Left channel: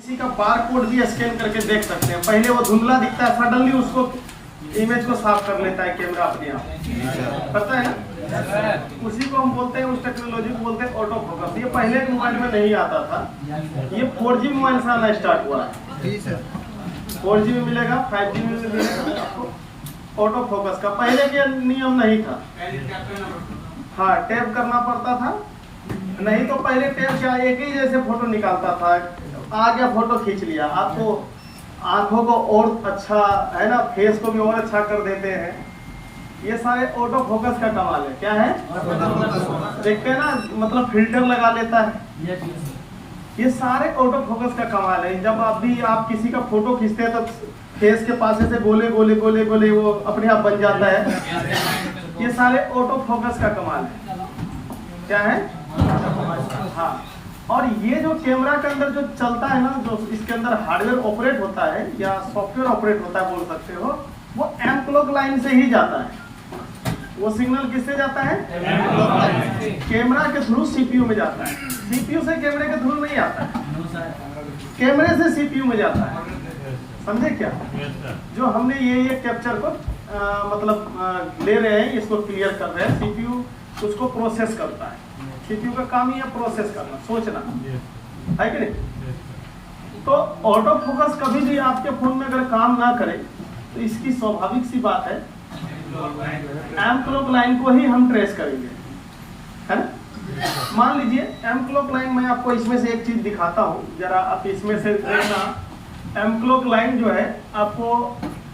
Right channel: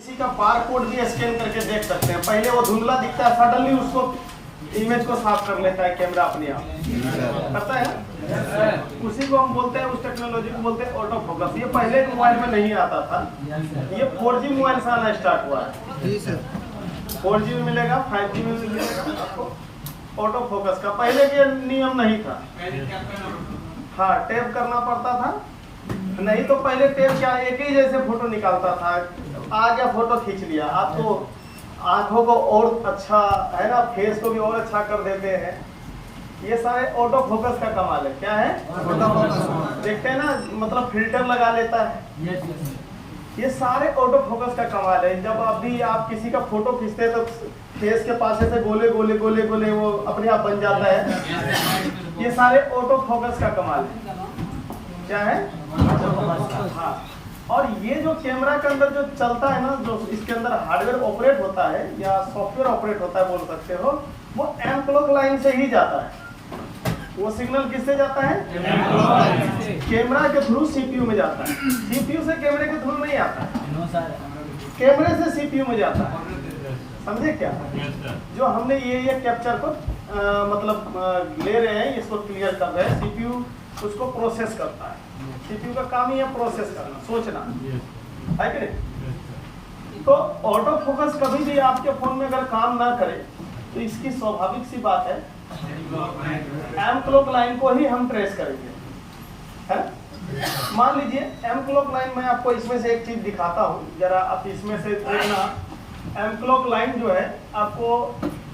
किसी का bar code भी स्कैन करके देख सकते हैं। पहले वो धुंधला दिखता है, सडनली उसको इमेज को साफ कर लेता है कैमरा अपने आप, पता है ना। उसी को हम बोलते हैं, उस टेक्नोलॉजी को बोलते हैं ऑटो फोकस। ये पहले के मोबाइल में नहीं आता था, ये 4G मोबाइल से आना स्टार्ट हुआ है। 4G भी मिलेगा, 5G भी मिलेगा आपको ऑटो फोकस का। पहले के नियम नहीं था, हाँ टैप करना पड़ता था, नहीं तो पहले टैप क्या एक ही जैसे फोटो निकालता था, आ गया फोटो खींच लिया। आपको आंखों को और अच्छा है ना, फेस को भी और अच्छा कर देते हैं। ये सारे ऑटो फोकस का कमाल है। क्या है? देखते हैं ना, मतलब फिल्टर लगा लेता है। ये सारे ऑटो फोकस का कमाल है। जब अभी आप किसी का फोटो खींचते हैं तो फेस के पास से गोले गोले गोले गोले वो अपने आप बन जाता है। ये सारे ऑटो फोकस का कमाल है। क्या है? हाँ। और ये जो कैमरा के अंदर जो चलता है ना, जो इसके अंदर हार्डवेयर ऑपरेट होता है या सॉफ्टवेयर ऑपरेट होता है बोल सकते हो, वो एम क्लॉक लाइन से ही जाता है। वो सिग्नल किससे जाता है? कैमरा के थ्रू सीपीयू में जाता है। सीपीयू से कैमरे के थ्रू नहीं आता है, कैमरे से सीपीयू में जाता है। समझे क्या? जो हमने ये कैप्चर को मतलब ले रहे हैं, इसको क्लियर कर रहे हैं, सीपीयू उसको प्रोसेस करता है। सीपीयू का काम ही है प्रोसेस करना, सोचना, है कि नहीं? तो ऑटो फोकस कभी भी आपके फोन में अगर काम ना करे तो इसकी स्वाभाविक सी बात है एम क्लॉक लाइन को ही हम ट्रेस करेंगे, है? मान लीजिए एम क्लॉक लाइन, मैं आपको इसमें से एक चीज दिखाता हूँ, जरा आप इसमें से देखना। एम क्लॉक लाइन जो है आपको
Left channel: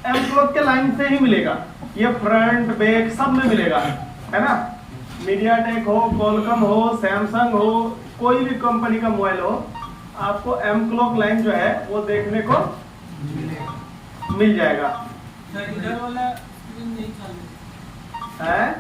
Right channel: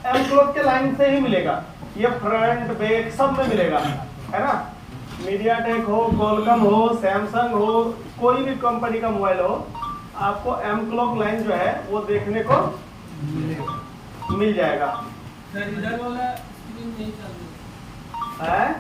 एम क्लॉक के लाइन से ही मिलेगा। ये फ्रंट बैक सब में मिलेगा, है ना। मीडियाटेक हो, क्वालकॉम हो, सैमसंग हो, कोई भी कंपनी का मोबाइल हो, आपको एम क्लॉक लाइन जो है वो देखने को मिल जाएगा। है?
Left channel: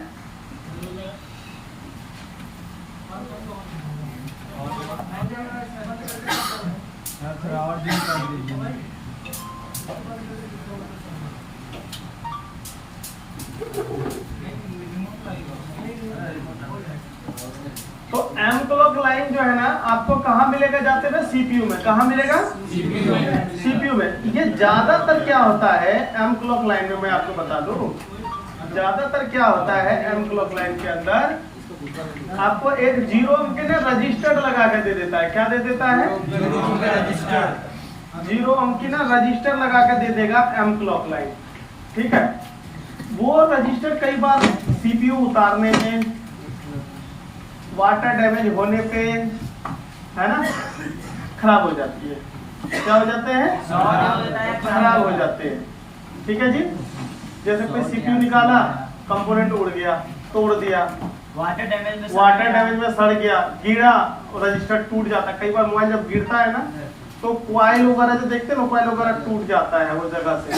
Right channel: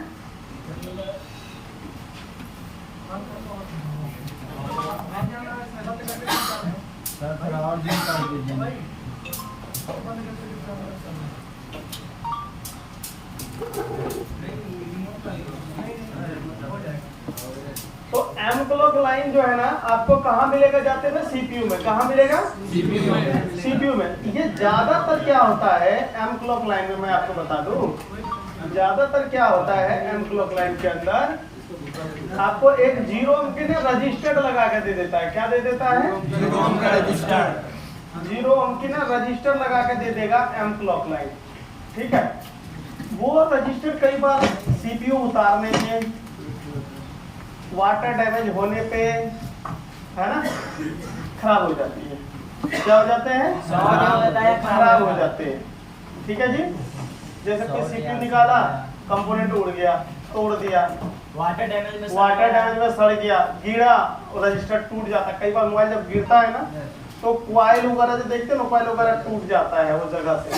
तो एम क्लॉक लाइन जो है ना आपको कहाँ मिलेगा जाते हुए? सीपीयू में। कहाँ मिलेगा? सीपीयू में। ये ज्यादातर क्या होता है एम क्लॉक लाइन में, मैं आपको बता दूं, ज्यादातर क्या होता है एम क्लॉक लाइन के अंदर, आपको एक 0 अंक रजिस्टर्ड लगा के दे देता है। क्या दे देता है? 0 अंक रजिस्टर लगा के दे देगा एम क्लॉक लाइन, ठीक है। वो रजिस्टर कई बार सीपीयू उतारने में, वाटर डैमेज होने पे, है ना, खराब हो जाती है। क्या हो जाते हैं? खराब हो जाते हैं, ठीक है जी। जैसे कोई सीपीयू निकाला, कंपोनेंट उड़ गया, तोड़ दिया, वाटर डैमेज में सड़ गया, गिरा, रजिस्टर टूट जाता है। कई बार मोबाइल जब गिरता है ना तो कॉइल वगैरह जो देखते हैं ना, कॉइल वगैरह टूट जाता है वो जगह से।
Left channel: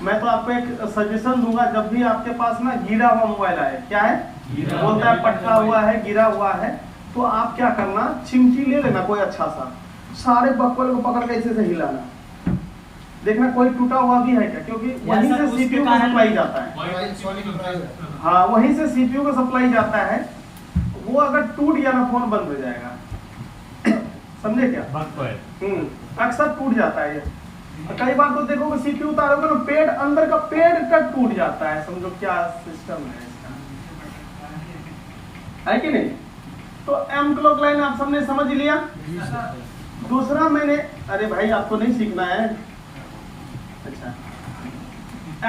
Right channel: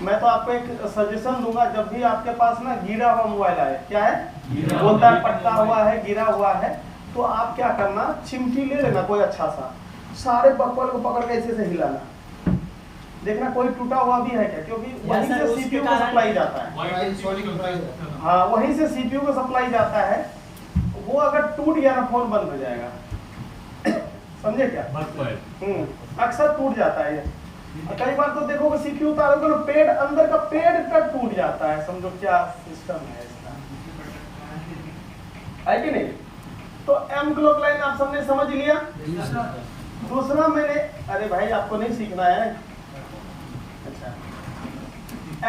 मैं तो आपको एक सजेशन दूंगा, जब भी आपके पास ना गिरा हुआ मोबाइल आए, क्या है बोलता है, पटका हुआ है, गिरा हुआ है, तो आप क्या करना, चिमटी ले लेना कोई अच्छा सा, सारे बकवाल को पकड़ के ऐसे से हिलाना, देखना कोई टूटा हुआ भी है क्या, क्योंकि वहीं से सीपीयू को सप्लाई जाता है। हाँ, वहीं से सीपीयू को सप्लाई जाता है। वो अगर टूट गया ना, फोन बंद हो जाएगा। समझे क्या? अक्सर टूट जाता है ये। कई बार तो देखो सीपीयू उतारोगे ना, पेड़ अंदर का पेड़ कट टूट जाता है। समझो क्या सिस्टम है इसका, है कि नहीं? तो एम क्लॉक लाइन आप सबने समझ लिया। दूसरा मैंने, अरे भाई आपको नहीं सीखना है, अच्छा।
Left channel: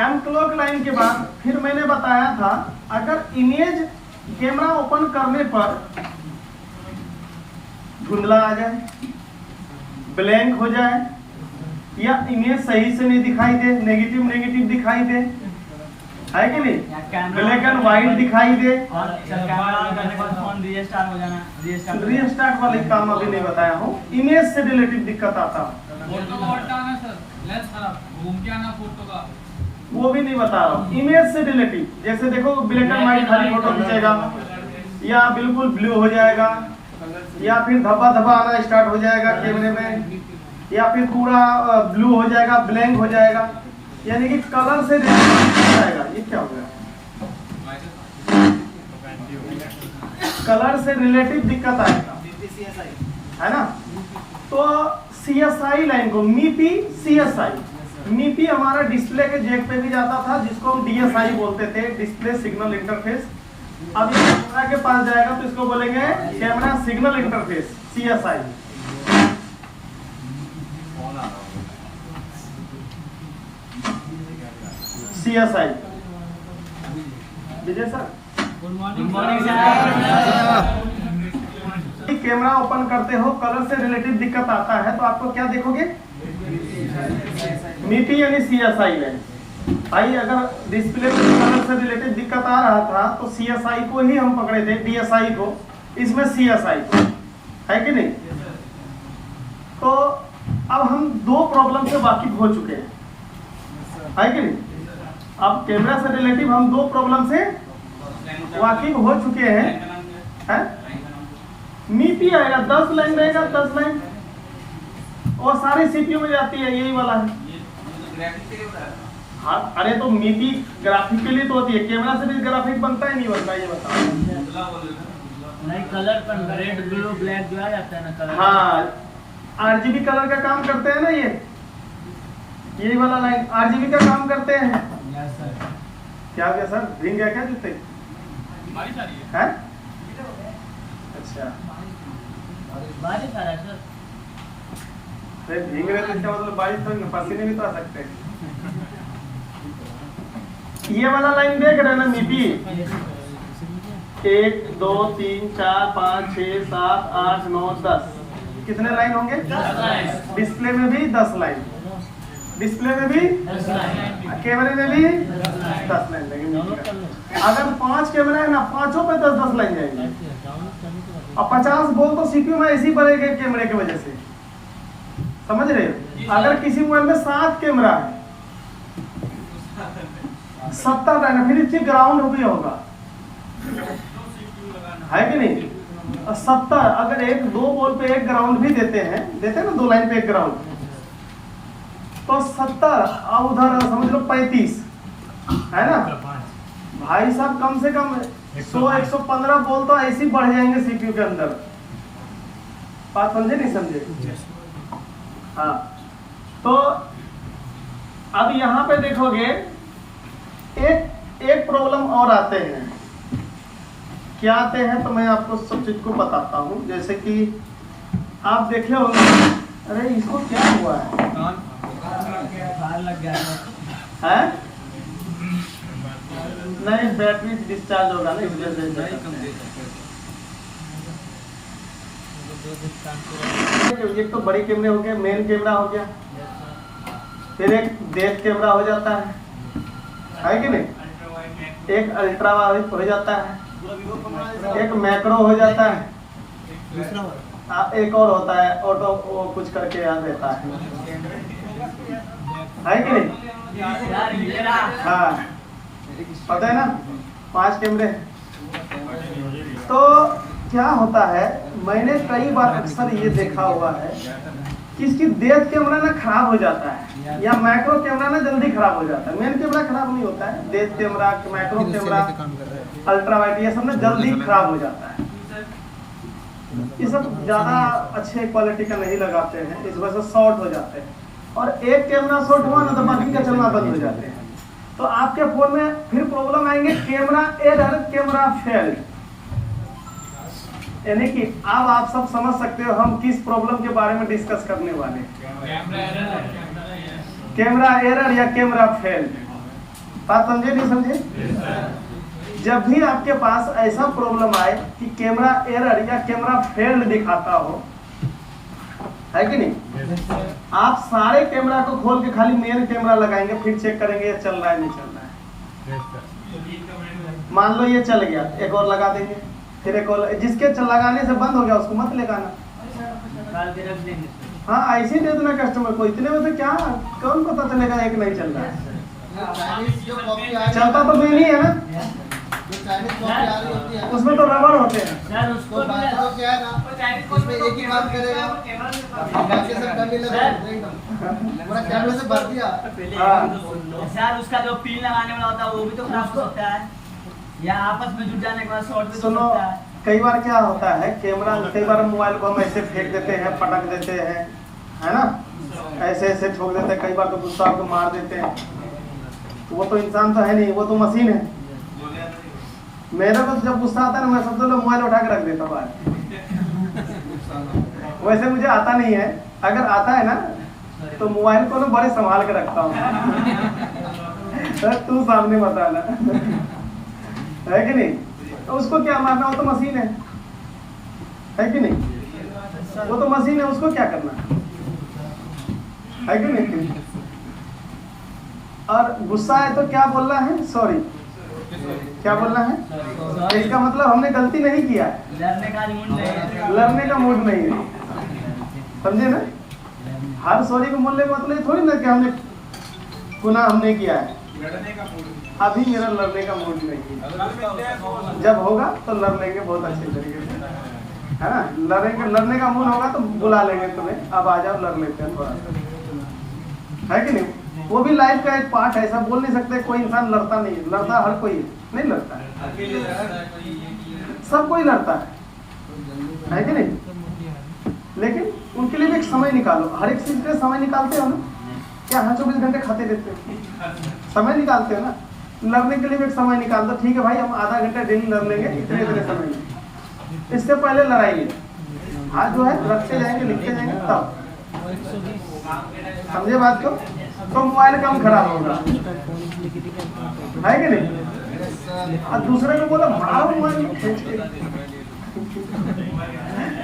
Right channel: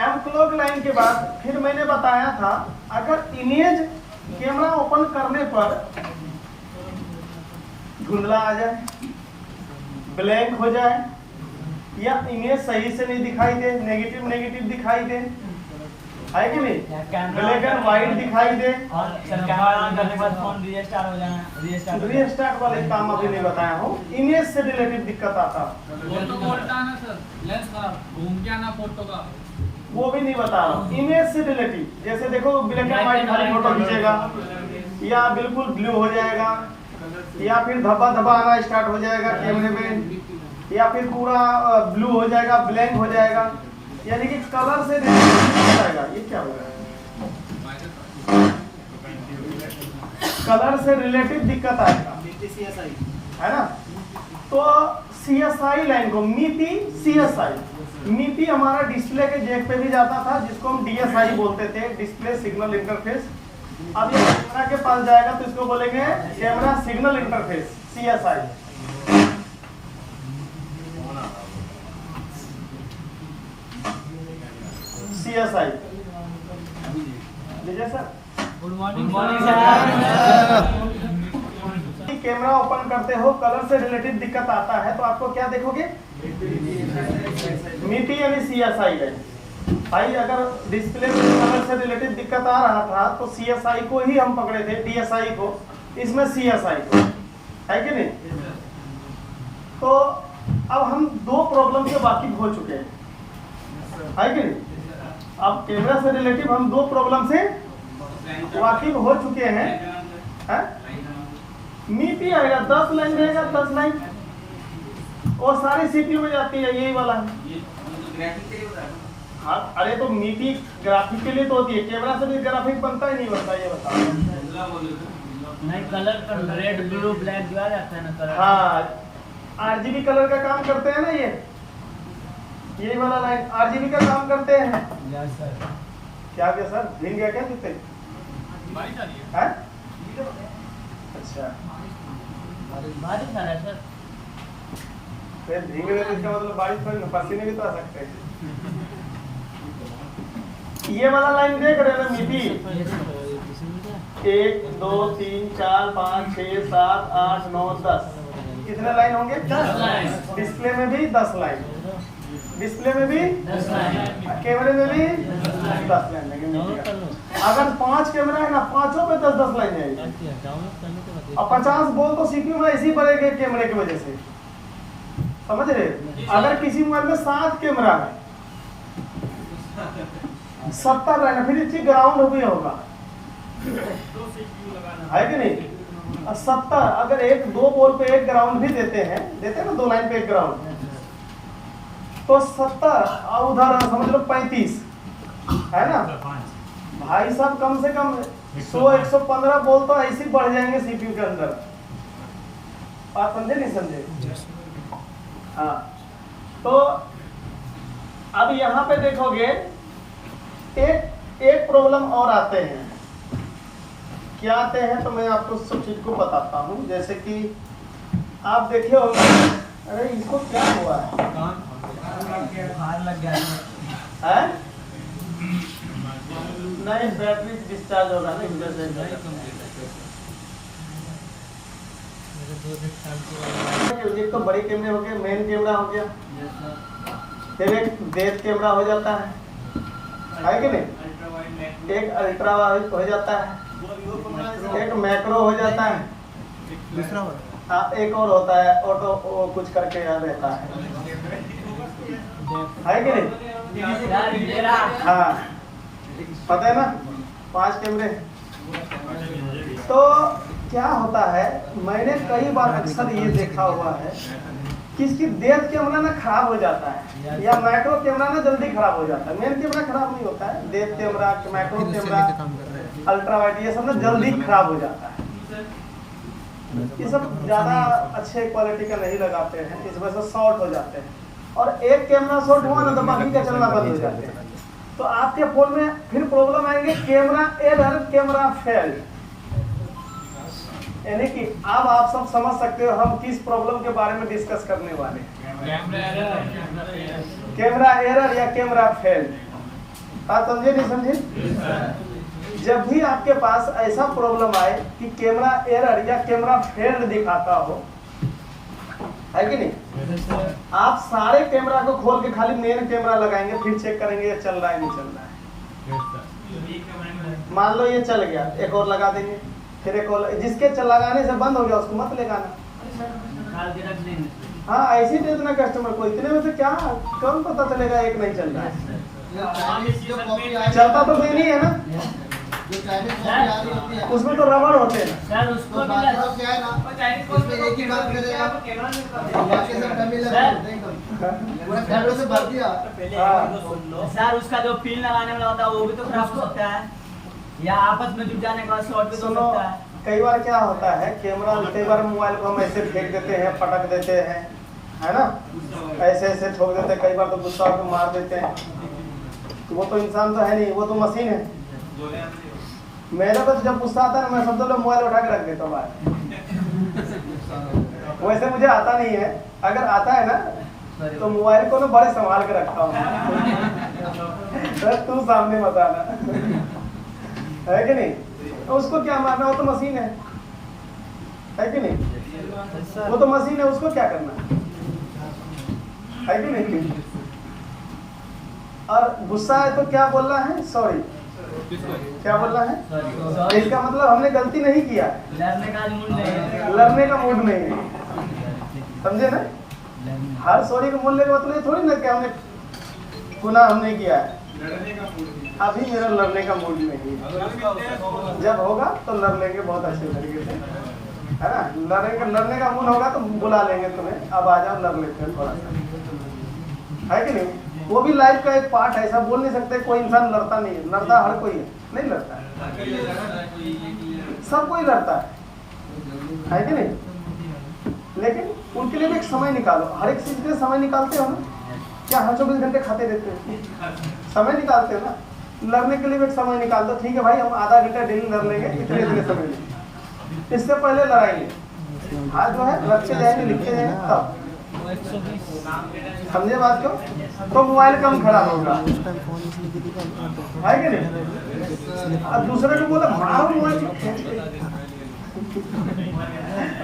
एम क्लॉक लाइन के बाद फिर मैंने बताया था, अगर इमेज कैमरा ओपन करने पर धुंधला आ जाए, ब्लैंक हो जाए, या इमेज सही से नहीं दिखाई दे, नेगेटिव दिखाई दे, है कि नहीं, ब्लैक एंड व्हाइट दिखाई दे, रीस्टार्ट वाले काम अभी नहीं बताया हूँ। इमेज से रिलेटेड दिक्कत आता वो भी नहीं बता रहा हूँ। इमेज से रिलेटिव, जैसे देखो ब्लैक एंड व्हाइट खाली फोटो खींचेगा, या बिल्कुल ब्लू हो जाएगा, या फिर धब्बा धब्बा आना स्टार्ट हो जाएगा कैमरे में, या फिर पूरा ब्लू हो जाएगा, ब्लैंक हो जाएगा, यानी कि कलर से जाएगा। ये क्या होगा? कलर से रिलेटिव दिक्कत आएगा, है ना। तो CSI लाइन को, MIPI CSI। MIPI हमारा डिस्प्ले के जैक पे भी जाता था, जिसको हम DSI बोलते थे, डिस्प्ले सिग्नल इंटरफेस। अब ये कैमरा के पास जाएगा तो इसको बोलेंगे camera signal interface, CSI। CSI। Vijay sir, good morning sir. Camera open करते हो, कलर से रिलेटेड दिक्कत आता है तो आपको क्या देखोगे? MIPI यानी CSI है भाई। अगर डिस्प्ले में कलर से रिलेटेड दिक्कत आ रहा था तो CSI को ही हम पकड़े थे, DSI को, इसमें CSI को, है कि नहीं? तो अब हम दो प्रॉब्लम से वाकिफ हो चुके हैं, है कि नहीं? अब कैमरा से रिलेटिव हम दो प्रॉब्लम से वाकिफ हो चुके हैं। MIPI आएगा 10 लाइन रहेगा, 10 लाइन, और सारी CPU में जाती है, यही वाला है। हाँ, अरे तो MIPI ग्राफिक के लिए तो होती है, कैमरा से भी ग्राफिक बनता है नहीं बनता, ये बताओ। नहीं, कलर रेड ब्लू ब्लैक जो आ जाता है ना कलर। हाँ, RGB कलर का काम करते हैं ना, यही वाला लाइन RGB का काम करते हैं। Yes sir. क्या हो गया सर, रिंग है क्या जूते? है? अच्छा, बारिश आ रहा है सर। भीग रहे तो इसका मतलब बारिश तो पसीने भी तो आ सकते हैं। ये वाला लाइन देख रहे हो ना MIPI? 1 2 3 4 5 6 7 8 9 10, कितने लाइन होंगे? 10 लाइन। डिस्प्ले में भी 10 लाइन, डिस्प्ले में भी 10 लाइन, कैमरे में भी 10 10 लाइन लगेंगे। अगर 5 कैमरा है ना, पांचों पे 10-10 लाइन जाएंगे। और 50 बोल तो CPU में ऐसे ही बढ़ेगा कैमरे की वजह से, समझ रहे हो? अगर किसी मोबाइल में 7 कैमरा है, 70 लाइन, फिर इसकी ग्राउंड हो गई होगा, है कि नहीं? 70, अगर 1-2 बोल पे एक ग्राउंड भी देते हैं ना, 2 लाइन पे एक ग्राउंड, तो 70 और उधर समझ लो 35, है ना भाई साहब? कम से कम 100-115 बोल तो ऐसे ही बढ़ जाएंगे CPU के अंदर। बात समझे नहीं समझे? हाँ, तो अब यहाँ पे देखोगे एक प्रॉब्लम और आते हैं। क्या आते हैं तो मैं आपको सब चीज को बताता हूँ। जैसे कि आप देखे होंगे, अरे इसको क्या हुआ है? लग गया है? नहीं, बैटरी डिस्चार्ज होगा ना, इसलिए एक तो बड़ी कैमरे हो गए, मेन कैमरा हो गया, फिर एक डेप्थ कैमरा हो जाता है कि नहीं? एक अल्ट्रा वाइड हो जाता है, एक मैक्रो हो जाता है, दूसरा एक और होता है ऑटो, वो कुछ करके याद रहता है कि नहीं? हाँ, पता है ना, 5 कैमरे। तो क्या होता है, मैंने कई बार अक्सर ये देखा हुआ है कि इसकी डेप्थ कैमरा ना खराब हो जाता है, या मैक्रो कैमरा ना जल्दी खराब हो जाता है। मेन कैमरा खराब नहीं होता है, depth camera, macro camera, ultra wide, ये सब ना जल्दी खराब हो जाता है। ये सब ज्यादा अच्छे क्वालिटी का नहीं लगाते हैं, इस वजह से शॉर्ट हो जाते हैं। और एक कैमरा शॉर्ट हुआ ना तो बाकी का चलना बंद हो जाते हैं। तो आपके फोन में फिर प्रॉब्लम आएंगे, कैमरा एरर, कैमरा फेल। यानी कि अब आप सब समझ सकते हो हम किस प्रॉब्लम के बारे में डिस्कस करने वाले हैं। कैमरा एरर या कैमरा फेल। बात समझे नहीं समझे? जब भी आपके पास ऐसा प्रॉब्लम आए कि कैमरा एरर या कैमरा फेल दिखाता हो, है कि नहीं, आप सारे कैमरा को खोल के खाली मेन कैमरा लगाएंगे, फिर चेक करेंगे ये चल रहा है नहीं चल रहा है। मान लो ये चल गया, एक और लगा देंगे, फिर एक और, जिसके लगाने से बंद हो गया उसको मत लगाना। हाँ, ऐसे ही दे देना कस्टमर को। इतने में से क्या कौन पता चलेगा एक नहीं चल रहा है? चलता तो भी नहीं है ना, उसमें तो रबड़ होते हैं। सर उसको सर उसका जो पिन लगाने वाला होता है वो भी तो खराब हो सकता है, या आपस में जुट जाने के बाद शॉर्ट भी तो सुनो, सकता है। कई बार क्या होता है, कैमरा कई बार मोबाइल को हम ऐसे फेंक देते हैं, पटक देते हैं, है ना, ऐसे ऐसे ठोक देते हैं, कई बार तो गुस्सा को मार देते हैं। तो वो तो इंसान तो है नहीं, वो तो मशीन है। मेरे को तो जब गुस्सा आता है ना, मैं सबसे पहले मोबाइल उठा के रख देता हूँ बाहर। वैसे मुझे आता नहीं है, अगर आता है ना तो मोबाइल को ना बड़े संभाल के रखता हूँ। तू सामने मत आना, है कि नहीं? तो उसको क्या मारना, वो तो मशीन है कि नहीं? वो तो मशीन है, उसको क्या करना है कि नहीं? और गुस्सा है तो क्या बोलना है? सॉरी। क्या बोलना है? इसका मतलब हमने गलती नहीं किया, लड़ने का मूड नहीं है, लड़ने का मूड नहीं है, समझे ना? हर सॉरी का मूल्य का मतलब थोड़ी ना कि हमने गुनाह हमने किया है। अभी मेरा लड़ने का मूड नहीं है, जब होगा तो लड़ लेंगे बहुत अच्छे तरीके से, है ना? लड़ने का मूड होगा तो बुला लेंगे तुम्हें, अब आ जाओ लड़ लेते हैं थोड़ा सा, है कि नहीं? वो भी लाइफ का एक पार्ट है, ऐसा बोल नहीं सकते कोई इंसान लड़ता नहीं है। लड़ता हर कोई है, नहीं लड़ता है, सब कोई लड़ता है कि नहीं? लेकिन उनके लिए भी एक समय निकालो, हर एक चीज के समय निकालते हो ना? क्या हर 24 घंटे खाते रहते हैं? समय निकालते हो ना? लड़ने के लिए भी एक समय निकाल दो। ठीक है भाई, हम आधा घंटा डेली लड़ लेंगे, इतने समय में। इससे पहले लड़ाई आज जो है रखते जाएंगे, लिखते जाएंगे, तब समझे बात को? तो मोबाइल कम खराब होगा, है कि नहीं? अब दूसरे को बोला मारो मोबाइल,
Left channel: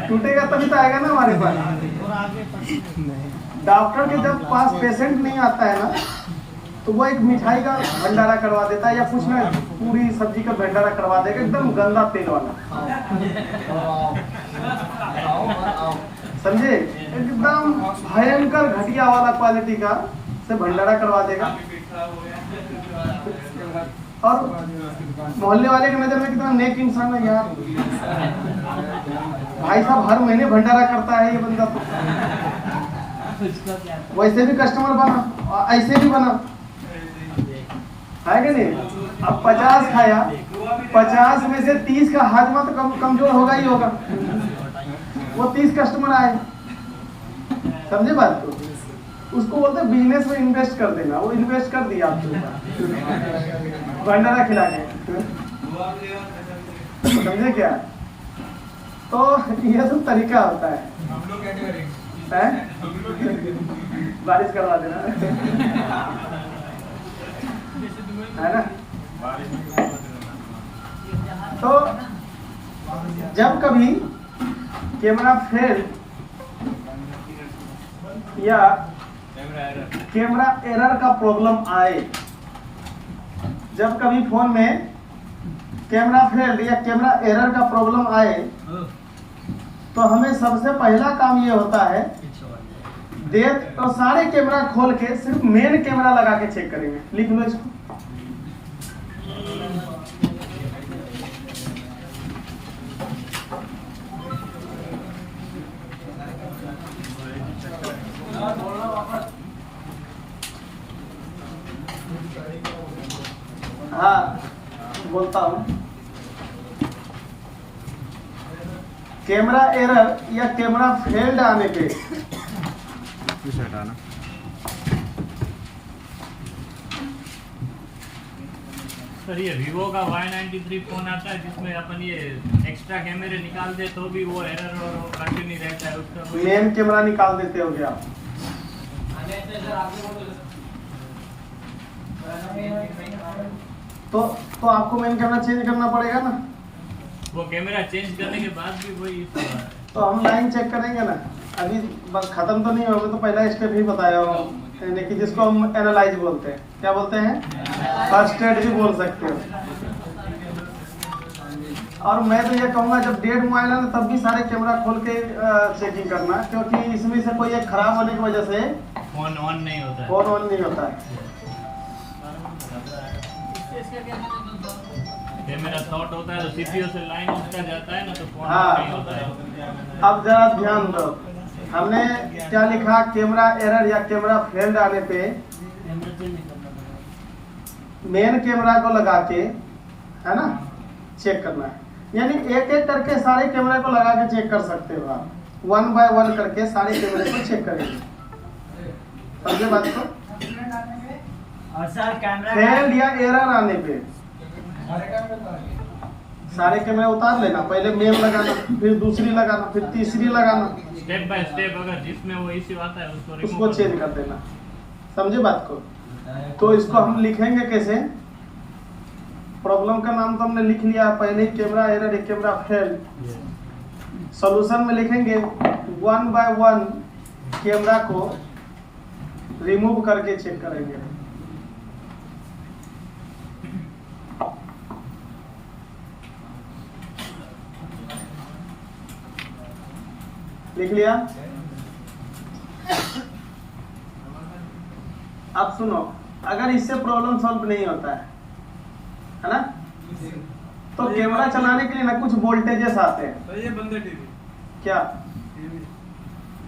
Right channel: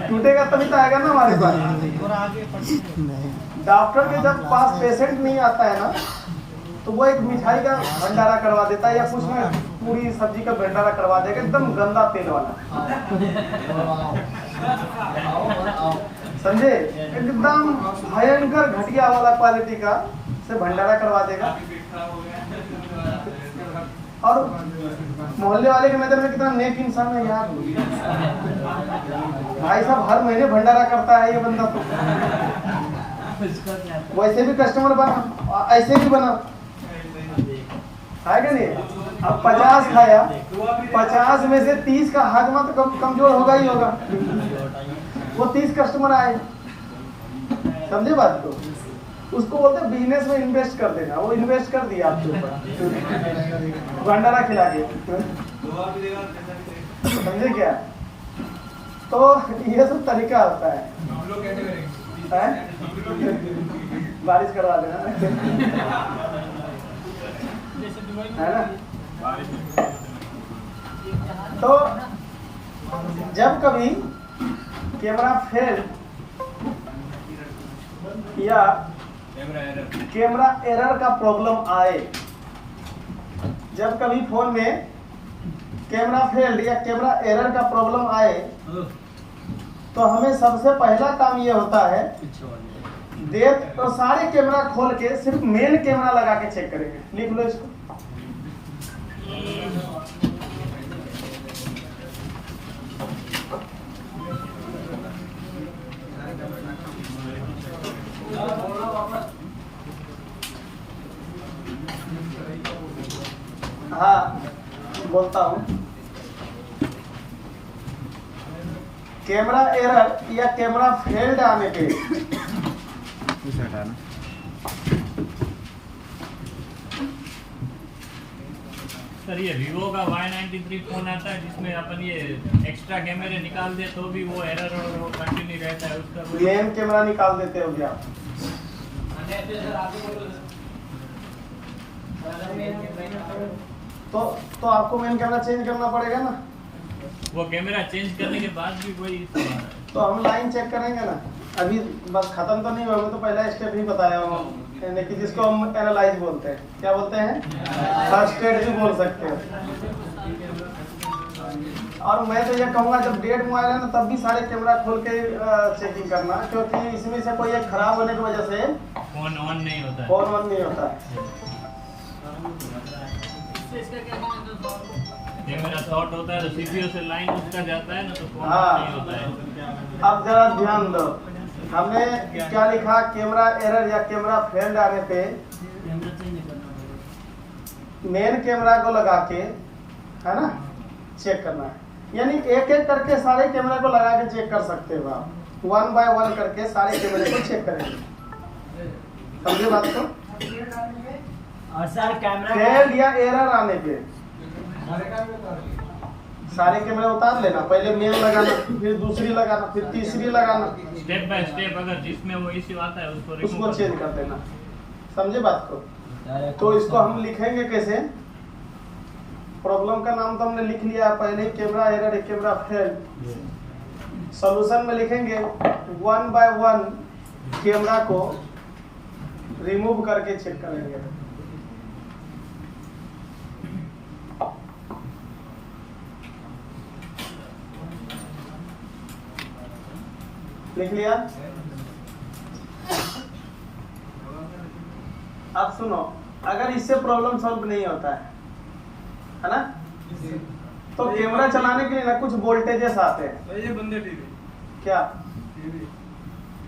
टूटेगा तभी तो आएगा ना हमारे पास। डॉक्टर के जब पास पेशेंट नहीं आता है ना, तो वो एक मिठाई का भंडारा करवा देता है, या कुछ ना पूरी सब्जी का भंडारा करवा देगा, एकदम गंदा तेल वाला, समझे? एकदम भयंकर घटिया वाला क्वालिटी का से भंडारा करवा देगा। और मोहल्ले वाले की नजर में कितना नेक इंसान है यार, भाई साहब हर महीने भंडारा करता है ये बंदा। तो वैसे भी कस्टमर बना, ऐसे भी बना, है कि नहीं? अब 50 खाया, 50 में से 30 का हाजमा तो कमजोर होगा ही होगा। वो 30 कस्टमर आए, समझे बात को? उसको बोलते हैं बिजनेस में इन्वेस्ट कर देना, वो इन्वेस्ट कर दिया आपके ऊपर भंडारा खिला के, समझे क्या? तो ये सब तरीका होता है, बारिश करवा देना, है ना? तो जब कभी कैमरा फेल या कैमरा एरर का प्रॉब्लम आए, जब कभी फोन में कैमरा फेल्ड या कैमरा एरर का प्रॉब्लम आए, तो हमें सबसे पहला काम ये होता है, तो सारे कैमरा खोल के सिर्फ मेन कैमरा लगा के चेक करेंगे। लिख लो इसको। हाँ बोलता हूँ, कैमरा एरर या कैमरा फेल्ड आने पे सर ये वीवो का Y93 फोन आता है जिसमें अपन ये एक्स्ट्रा कैमरे निकाल दे तो भी वो एरर और वो कंटिन्यू रहता है, उसका कोई मेन कैमरा निकाल देते हो क्या? तो आपको मेन कैमरा चेंज करना पड़ेगा ना। वो कैमरा चेंज करने के बाद भी वही इशू आ रहा है। तो हम लाइन चेक करेंगे ना, अभी बस खत्म तो नहीं होगा, तो पहला स्टेप ही बताया हूँ, यानी कि जिसको हम एनालाइज बोलते हैं। क्या बोलते हैं? फर्स्ट स्टेज भी बोल सकते हो। और मैं तो ये कहूँगा जब डेड मोबाइल है ना, तब भी सारे कैमरा खोल के चेकिंग करना, क्योंकि इसमें से कोई एक खराब होने की वजह से फोन ऑन नहीं होता है। फोन ऑन नहीं होता है। कैमरा शॉर्ट होता है तो सीपीयू से लाइन उसका जाता है ना, तो फोन हाँ। ऑन नहीं होता है। अब जरा ध्यान दो, हमने क्या लिखा? कैमरा एरर या कैमरा फेल्ड आने पे मेन कैमरा को लगा के, है ना, चेक करना है। यानी एक एक करके सारे कैमरा को लगा के चेक कर सकते हो आप। 1 बाय 1 करके सारे कैमरे को चेक करेंगे। समझे बात को? और सर कैमरा फेल या एरर आने पे सारे कैमरे उतार लेना, पहले मेल लगाना, फिर दूसरी लगाना, फिर तीसरी लगाना, स्टेप बाय स्टेप अगर जिसमें वो इश्यू आता है उसको remove उसको कर चेंज दो। कर देना। समझे बात को? तो इसको हम लिखेंगे कैसे? प्रॉब्लम का नाम तो हमने लिख लिया, पहले ही कैमरा एरर, एक कैमरा फेल। सॉल्यूशन में लिखेंगे 1 बाय 1 कैमरा को रिमूव करके चेक करेंगे। लिख लिया? अब सुनो, अगर इससे प्रॉब्लम सॉल्व नहीं होता है ना, तो कैमरा चलाने के लिए ना कुछ वोल्टेजेस आते हैं। तो ये बंदे टीवी क्या?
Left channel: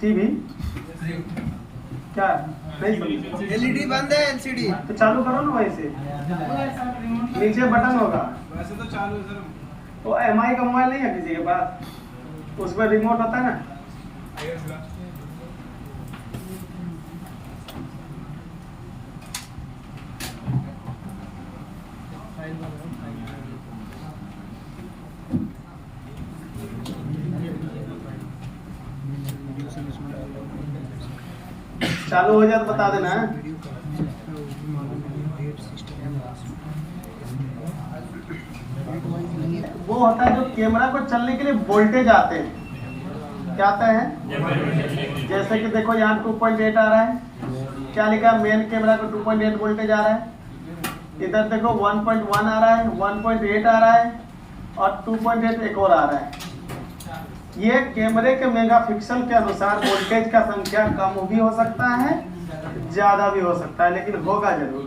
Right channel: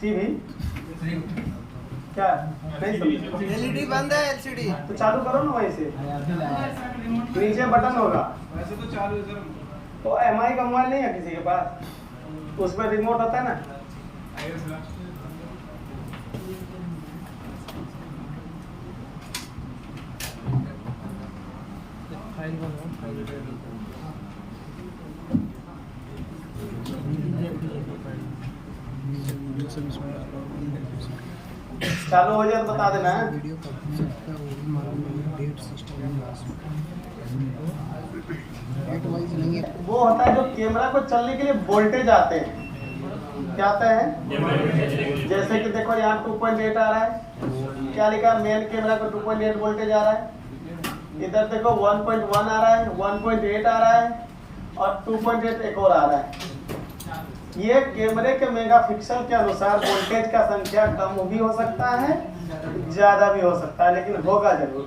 टीवी क्या है? नहीं समझे? एलईडी बंद है, एलसीडी तो चालू करो ना वहीं से, नीचे बटन होगा। वैसे तो चालू है सर। तो एमआई का मोबाइल नहीं है किसी के पास? उस पर रिमोट होता है ना। चालू हो जाए तो बता देना है। वो होता है जो कैमरा को चलने के लिए वोल्टेज आते हैं। क्या आता है? जैसे कि देखो यहाँ 2.8 आ रहा है, क्या लिखा है? मेन कैमरा को 2.8 वोल्टेज आ रहा है। इधर देखो 1.1 आ रहा है, 1.8 आ रहा है और 2.8 एक और आ रहा है। ये कैमरे के मेगापिक्सल के अनुसार वोल्टेज का संख्या कम भी हो सकता है, ज्यादा भी हो सकता है, लेकिन होगा जरूर।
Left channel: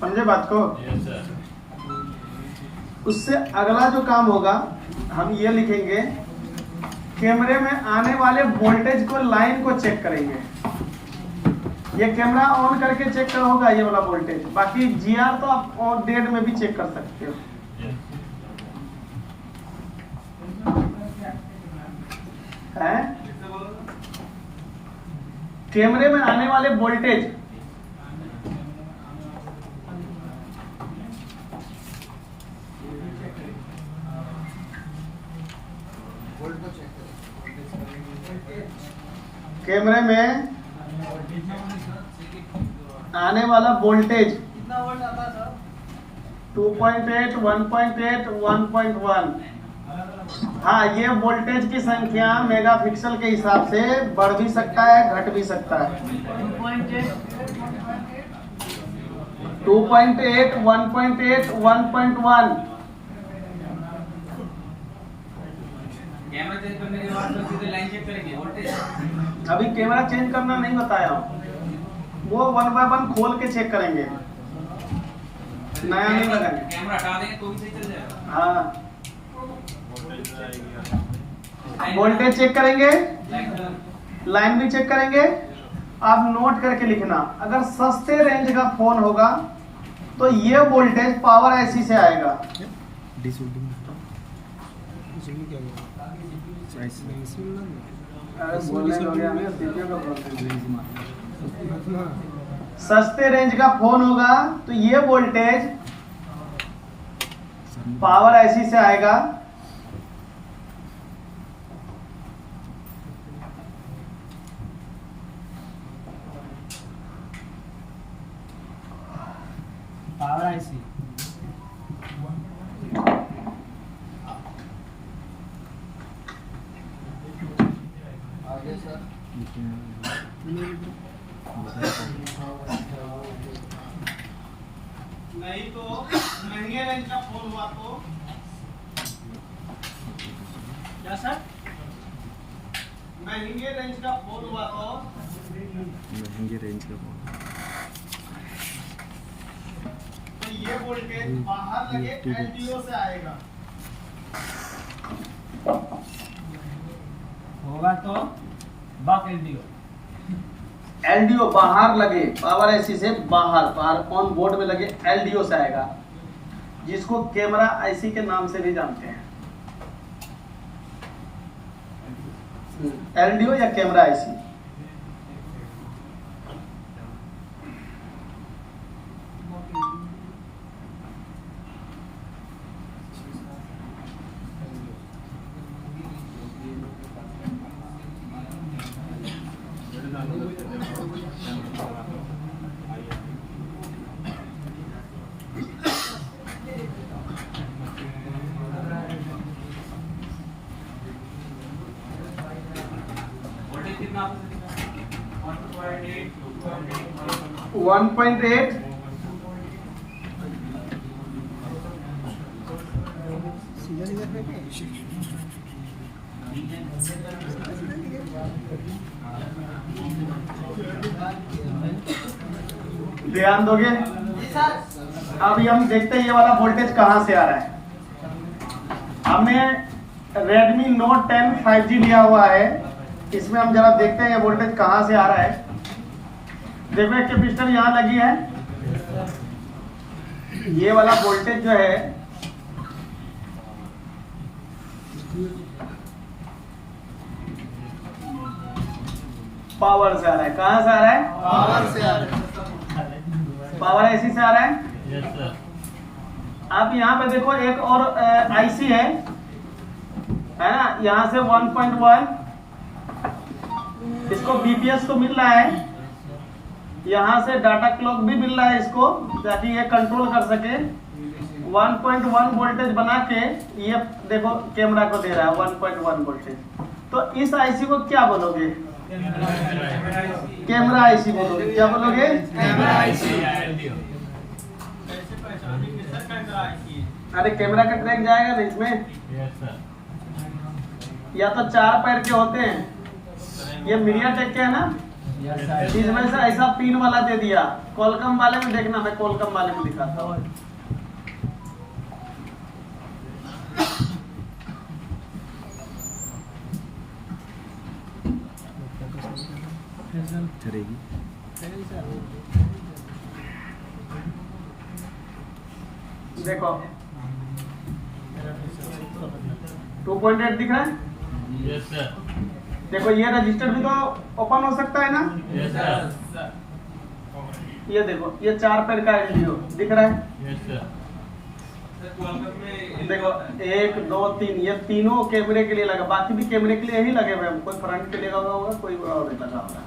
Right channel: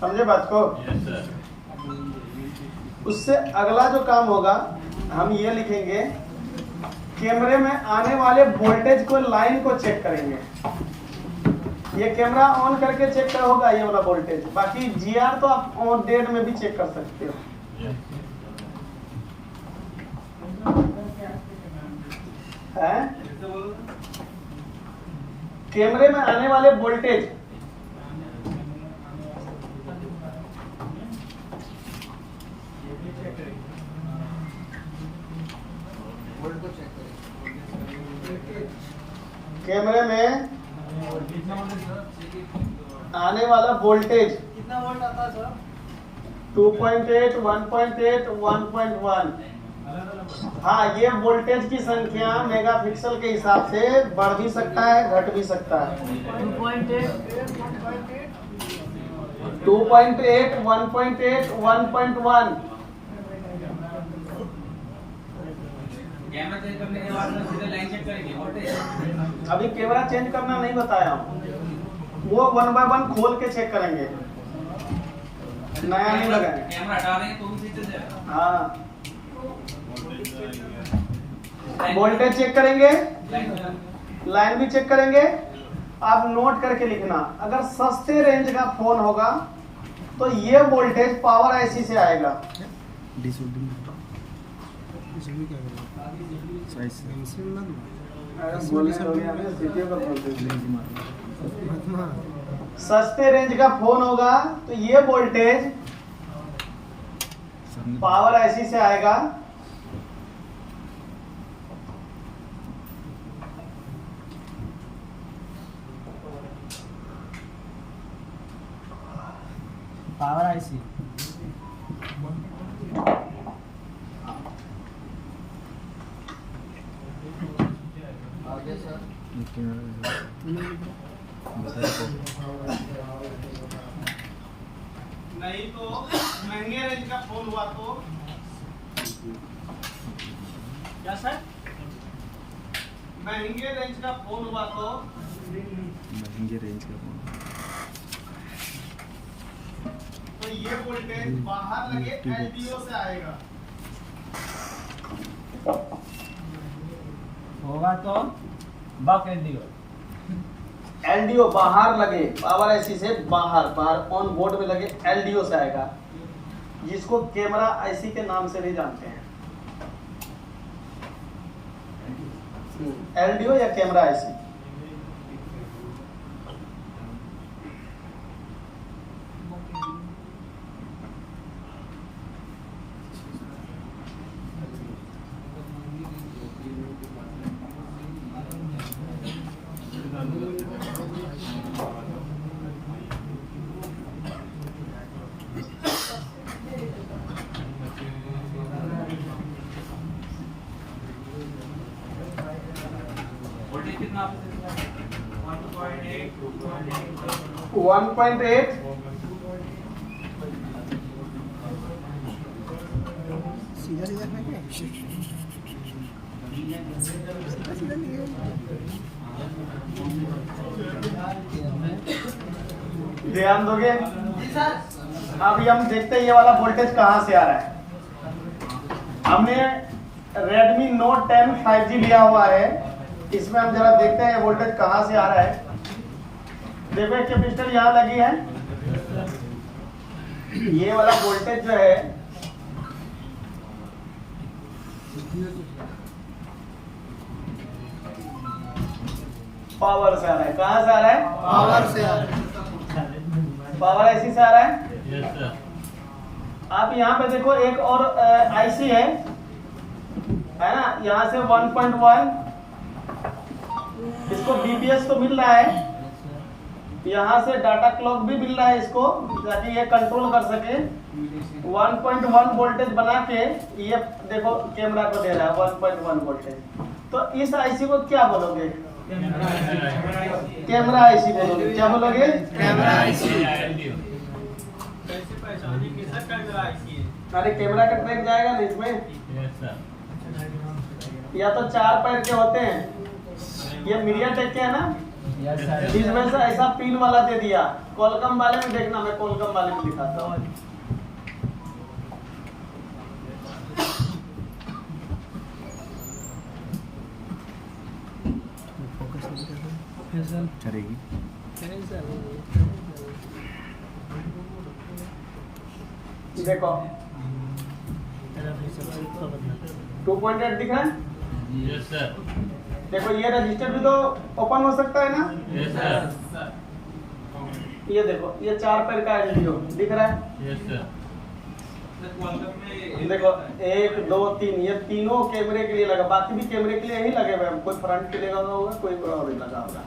समझे बात को? Yes, sir. उससे अगला जो काम होगा, हम ये लिखेंगे, कैमरे में आने वाले वोल्टेज को, लाइन को चेक करेंगे। ये कैमरा ऑन करके चेक कर होगा ये वाला वोल्टेज। बाकी जीआर तो आप ऑन डेट में भी चेक कर सकते हो। Yes. है? कैमरे में आने वाले वोल्टेज कैमरे में आने वाला वोल्टेज कितना वोल्ट आता है सर? 2.8, 1.8, 1.1। हाँ, ये वोल्टेज की संख्या मेगापिक्सल के हिसाब से बढ़ भी सकता है, घट भी सकता है। 2.8, 1.8, 1.1। कैमरा चेक करने के बाद तो सीधे लाइन चेक करेंगे वोल्टेज। अभी कैमरा चेंज करना नहीं बताया हूँ, वो 1 बाय 1 खोल के चेक करेंगे, नया नहीं लगाएंगे। कैमरा हटा देंगे तो भी सही चल जाएगा। हाँ, वोल्टेज चेक करेंगे, लाइन भी चेक करेंगे। आप नोट करके लिखना, अगर सस्ते रेंज का फोन होगा तो ये वोल्टेज पावर ऐसी से आएगा। सस्ते रेंज का फोन होगा तो ये वोल्टेज पावर ऐसी से आएगा। पावर आईसी नहीं तो महंगे रेंज का फोन हुआ तो क्या सर? महंगे रेंज का फोन हुआ तो महंगे रेंज का फोन तो ये वोल्टेज बाहर लगे एलडीओ से आएगा। होगा तो बक एलडीओ। एलडीओ बाहर लगे, पावर ऐसी से बाहर ऑन बोर्ड में लगे एलडीओ से आएगा, जिसको कैमरा आईसी के नाम से भी जानते हैं। एलडीओ या कैमरा आईसी। वोल्टेज कितना 1.8 1.8 ध्यान दोगे। अभी हम देखते हैं ये वाला वोल्टेज कहां से आ रहा है। हमने Redmi Note 10 5G लिया हुआ है, इसमें हम जरा देखते हैं ये वोल्टेज कहां से आ रहा है। देखो एक कैपेसिटर यहाँ लगी है, ये वाला वोल्टेज जो है पावर से आ रहा है। कहां से आ रहा है? पावर से पावर आईसी से आ रहा है। Yes sir. आप यहाँ पे देखो एक और आईसी है ना, यहाँ से 1.1 इसको बीपीएस तो मिल रहा है, यहाँ से डाटा क्लॉक भी मिल रहा है इसको, ताकि ये कंट्रोल कर सके। 1.1 वोल्टेज बना के ये देखो कैमरा को दे रहा है 1.1 वोल्टेज। तो इस आईसी को क्या बोलोगे? कैमरा आईसी बोलोगे। क्या बोलोगे? कैमरा आईसी या एलडीओ। अरे कैमरा का ट्रैक जाएगा ना इसमें। Yes sir. या तो 4 पैर के होते हैं, ये मीडिया टेक के है ना, इसमें से ऐसा पिन वाला दे दिया। कोलकम वाले में देखना, मैं कोलकम वाले में दिखाता हूँ। करेगी। देखो 2.8 दिख रहा है। Yes sir. देखो ये रजिस्टर भी तो ओपन हो सकता है ना। Yes sir. ये देखो ये 4 पैर का एलडीओ दिख रहा है। Yes sir. देखो 1 2 3, ये तीनों कैमरे के लिए लगा, बाकी भी कैमरे के लिए ही लगे हुए हैं। कोई फ्रंट के लिए लगा होगा, कोई और भी लगा होगा,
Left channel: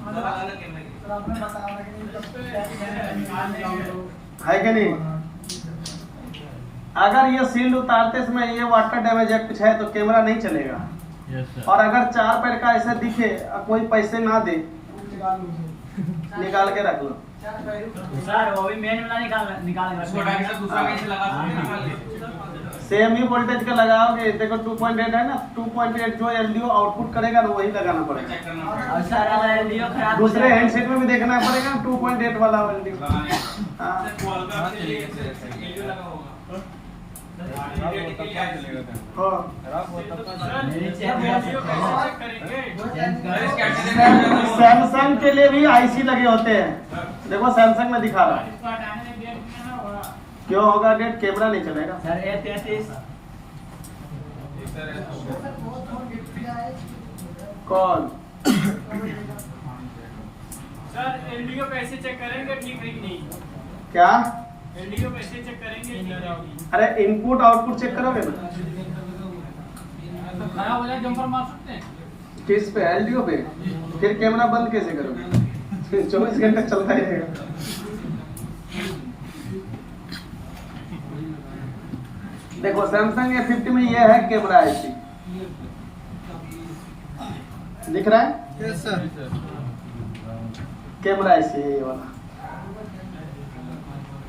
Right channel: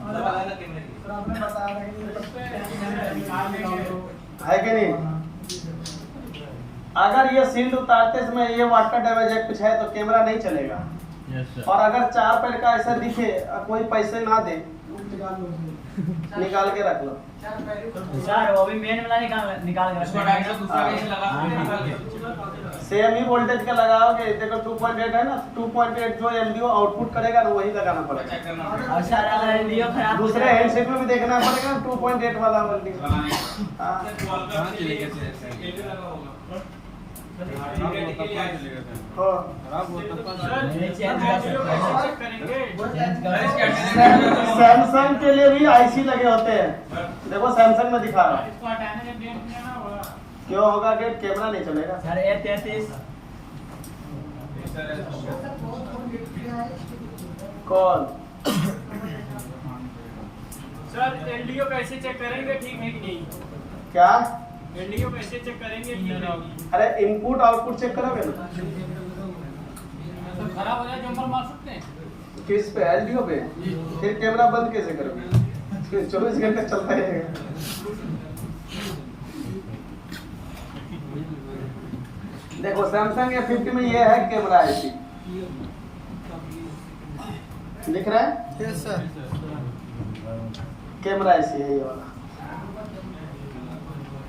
है कि नहीं? अगर ये शील्ड उतारते समय ये वाटर डैमेज एक्ट है तो कैमरा नहीं चलेगा। Yes sir. और अगर 4 पैर का ऐसा दिखे और कोई पैसे ना दे, निकाल के रख लो। सर वो भी मेन वाला निकाल के सेम ही वोल्टेज का लगाओगे। देखो 2.8 है ना, 2.8 जो एलडीओ आउटपुट करेगा ना वही लगाना पड़ेगा। और सर एलडीओ खराब हो दूसरे जाएगा। हैंडसेट में भी देखना पड़ेगा 2.8 वाला एलडीओ। सैमसंग के लिए भी आईसी लगे होते हैं। देखो सैमसंग में दिखा रहा है। क्यों होगा डेट? कैमरा नहीं चलेगा। सर A33 कौन? सर एलडीओ कैसे चेक करेंगे, ठीक है कि नहीं? क्या? एलडीओ कैसे चेक करेंगे, ठीक है? अरे इनपुट आउटपुट चेक करोगे ना। खराब हो जाए जंपर मार सकते हैं। किस पे? एलडीओ पे। फिर कैमरा बंद कैसे करोगे? 24 घंटे चलता रहेगा। देखो सैमसंग A50 में ये है कैमरा आईसी, दिख रहा है? Yes sir. कैमरा आईसी है ये वाला।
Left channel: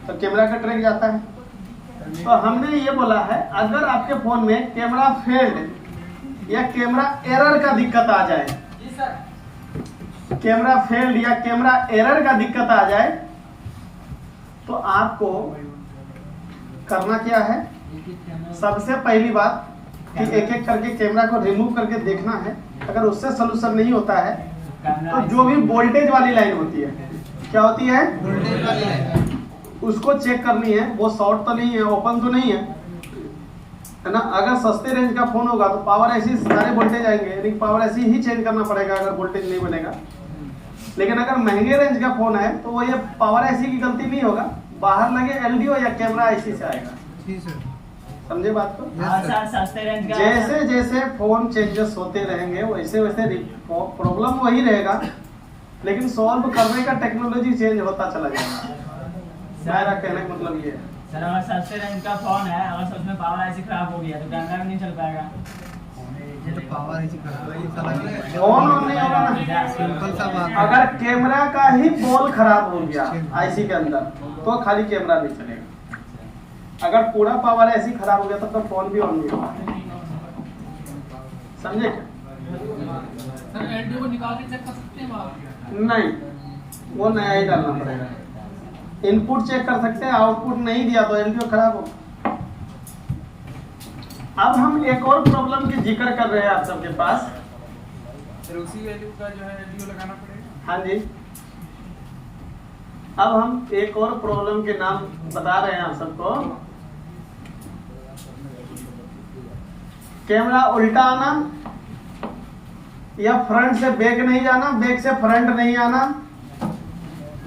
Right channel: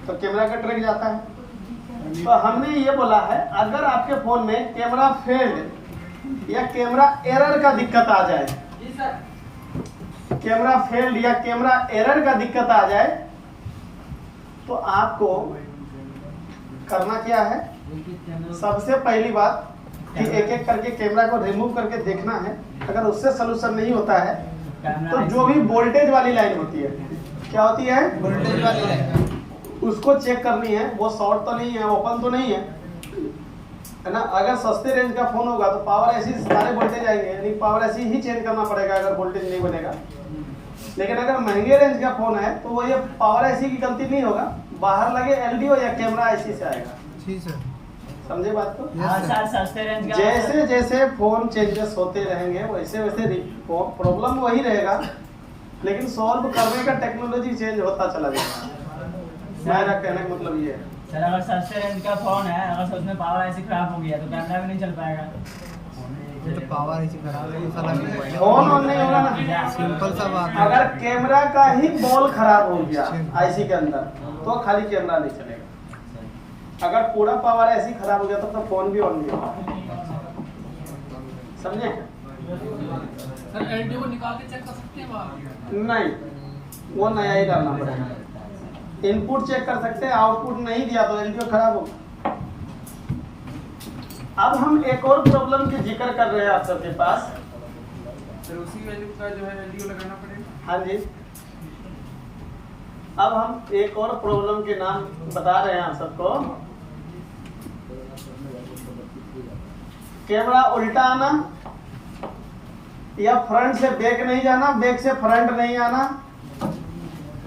तो कैमरा का ट्रैक जाता है। तो हमने ये बोला है अगर आपके फोन में कैमरा फेल्ड या कैमरा एरर का दिक्कत आ जाए, कैमरा फेल्ड या कैमरा एरर का दिक्कत आ जाए, तो आपको करना क्या है? सबसे पहली बात कि एक एक करके कैमरा को रिमूव करके देखना है। अगर उससे सोल्यूशन नहीं होता है तो जो भी वोल्टेज वाली लाइन होती है, क्या होती है? उसको चेक करनी है। वो शॉर्ट तो नहीं है, ओपन तो नहीं है, है ना। अगर सस्ते रेंज का फोन होगा तो पावर ऐसी सारे वोल्टेज आएंगे, यानी पावर ऐसी ही चेंज करना पड़ेगा अगर वोल्टेज नहीं बनेगा। लेकिन अगर महंगे रेंज का फोन है तो वो ये पावर ऐसी की गलती नहीं होगा, बाहर लगे एलडीओ या कैमरा ऐसी से आएगा। जी सर। समझे बात को? हाँ सर, सस्ते रेंज का जैसे जैसे फोन चेंजेस होते रहेंगे वैसे वैसे प्रॉब्लम वही रहेगा, लेकिन सॉल्व करने का टेक्नोलॉजी चेंज होता चला जाएगा। मेरा कहने का मतलब ये है। सर अगर सस्ते रेंज का फोन है, अगर उसमें पावर ऐसी खराब हो गया तो कैमरा भी नहीं चल पाएगा। ये तो पावर ऐसी खराब फोन ऑन नहीं होगा ना। सिंपल सा बात। अगर कैमरा का ही बॉल खराब हो गया आईसी के अंदर तो खाली कैमरा नहीं चलेगा। अगर पूरा पावर ऐसी खराब हो गया तब तो फोन भी ऑन नहीं होगा। समझे क्या? सर एलडीओ को निकाल के चेक कर सकते हैं आप? नहीं, वो नया ही डालना पड़ेगा। इनपुट चेक कर सकते हैं, आउटपुट नहीं दिया तो एलडीओ खराब हो। अब हम एक और प्रॉब्लम की जिक्र कर रहे हैं आप सबके पास। सर उसी वैल्यू का जो है एलडीओ लगाना पड़ेगा। हाँ जी, अब हम एक और प्रॉब्लम के नाम बता रहे हैं आप सबको। कैमरा उल्टा आना या फ्रंट से बैक नहीं जाना, बैक से फ्रंट नहीं आना,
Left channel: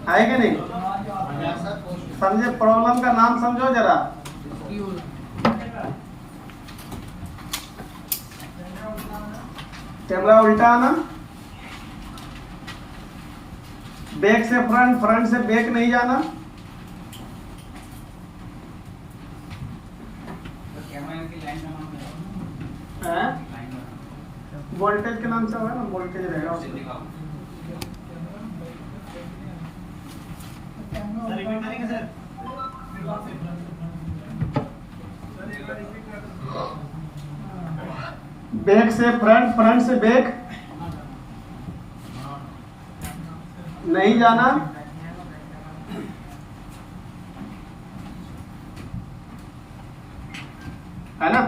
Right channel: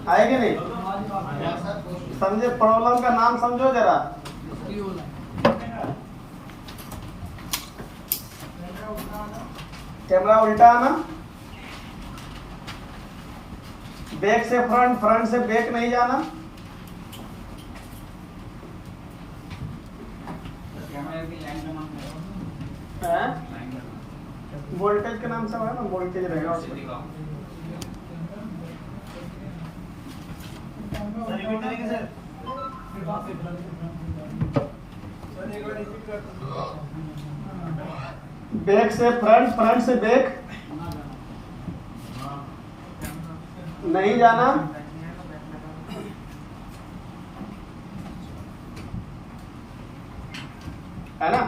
आएगा नहीं? समझे? प्रॉब्लम का नाम समझो जरा। कैमरा उल्टा आना, बैक से फ्रंट, फ्रंट से बैक नहीं जाना। कैमरा की लाइन का नाम वोल्टेज के नाम से होगा ना, वोल्टेज रहेगा उसमें। बैक से फ्रंट, फ्रंट से बैक नहीं जाना। है ना?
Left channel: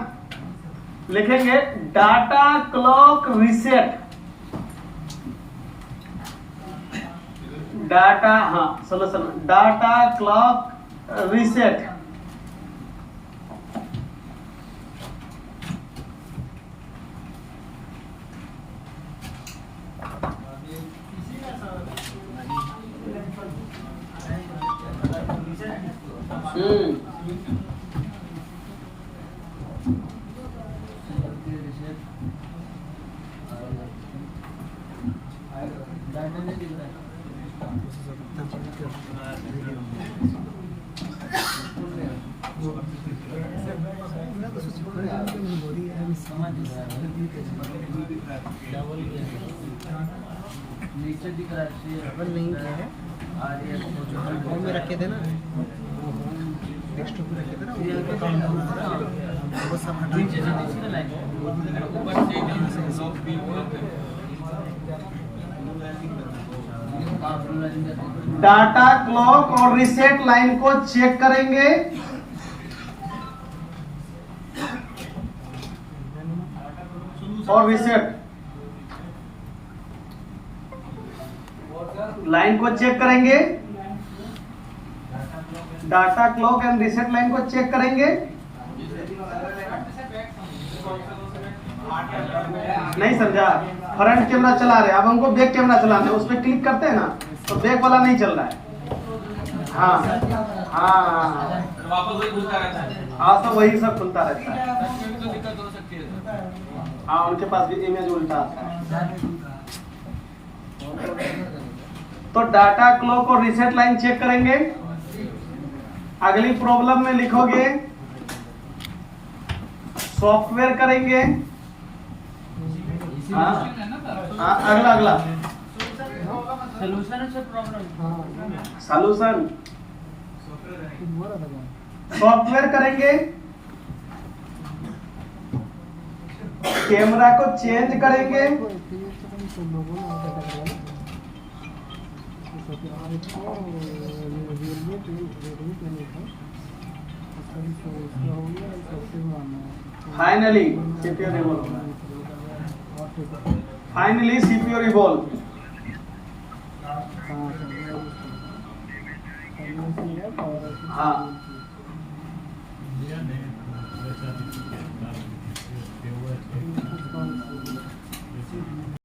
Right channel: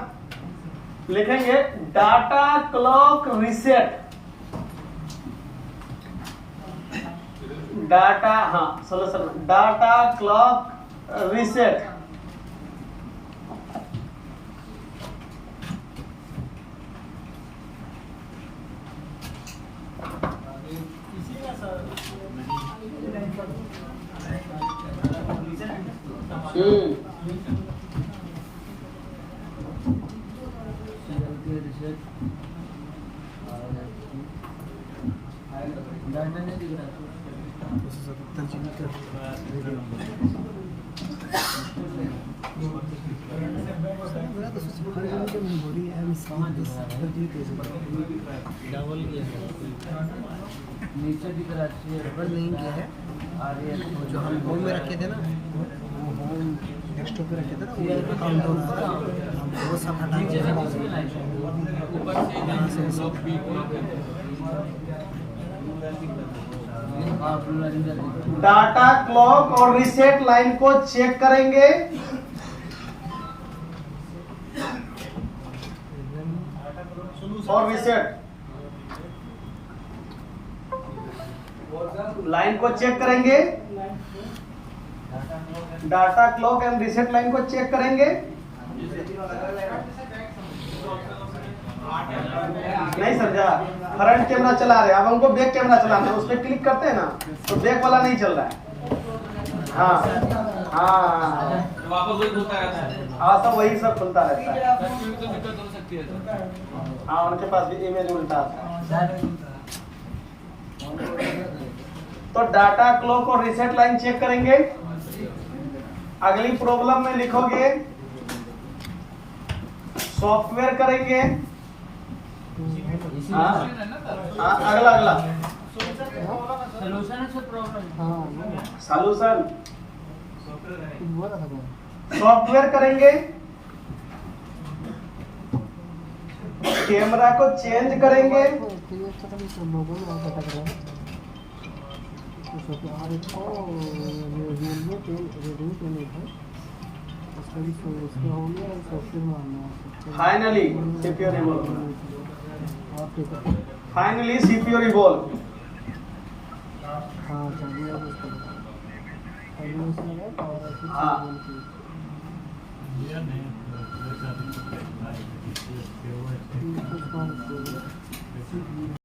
लिखेंगे डाटा क्लॉक रीसेट। डाटा, हाँ सोल्यूशन में डाटा क्लॉक रीसेट। नीचे दिख रहा लिंक है जो हम होम में रखे थे ना, डेस्कटॉप पे रखे थे ना, वो सब हटा डाटा क्लॉक और रीसेट लाइन को चेक करेंगे। और रीसेट लाइन को चेक करेंगे। Data clock and reset line को चेक करेंगे। नहीं समझा? फ्रंट कैमरा चला रहे, अब हमको बैक कैमरा चलाना है, उस पर क्लिक करते हैं ना तो बैक वाला नहीं चल रहा है। हाँ हाँ, वापस वही घूमता रहता है। हाँ तो वही सब खुलता रहता है। तो दिक्कत हो सकती है। हाँ, उनके पास भी इमेज उल्टा आता है। तो डाटा क्लॉक और रीसेट लाइन चेक करेंगे। अगली प्रॉब्लम में लिखोगे सॉफ्टवेयर करेंगे। हाँ, अगला अगला सोल्यूशन से प्रॉब्लम। सॉल्यूशन सॉफ्टवेयर करेंगे। कैमरा को चेंज करेंगे। Finally CPU revolve. Finally CPU revolve. हाँ, वैसा भी तो क्या,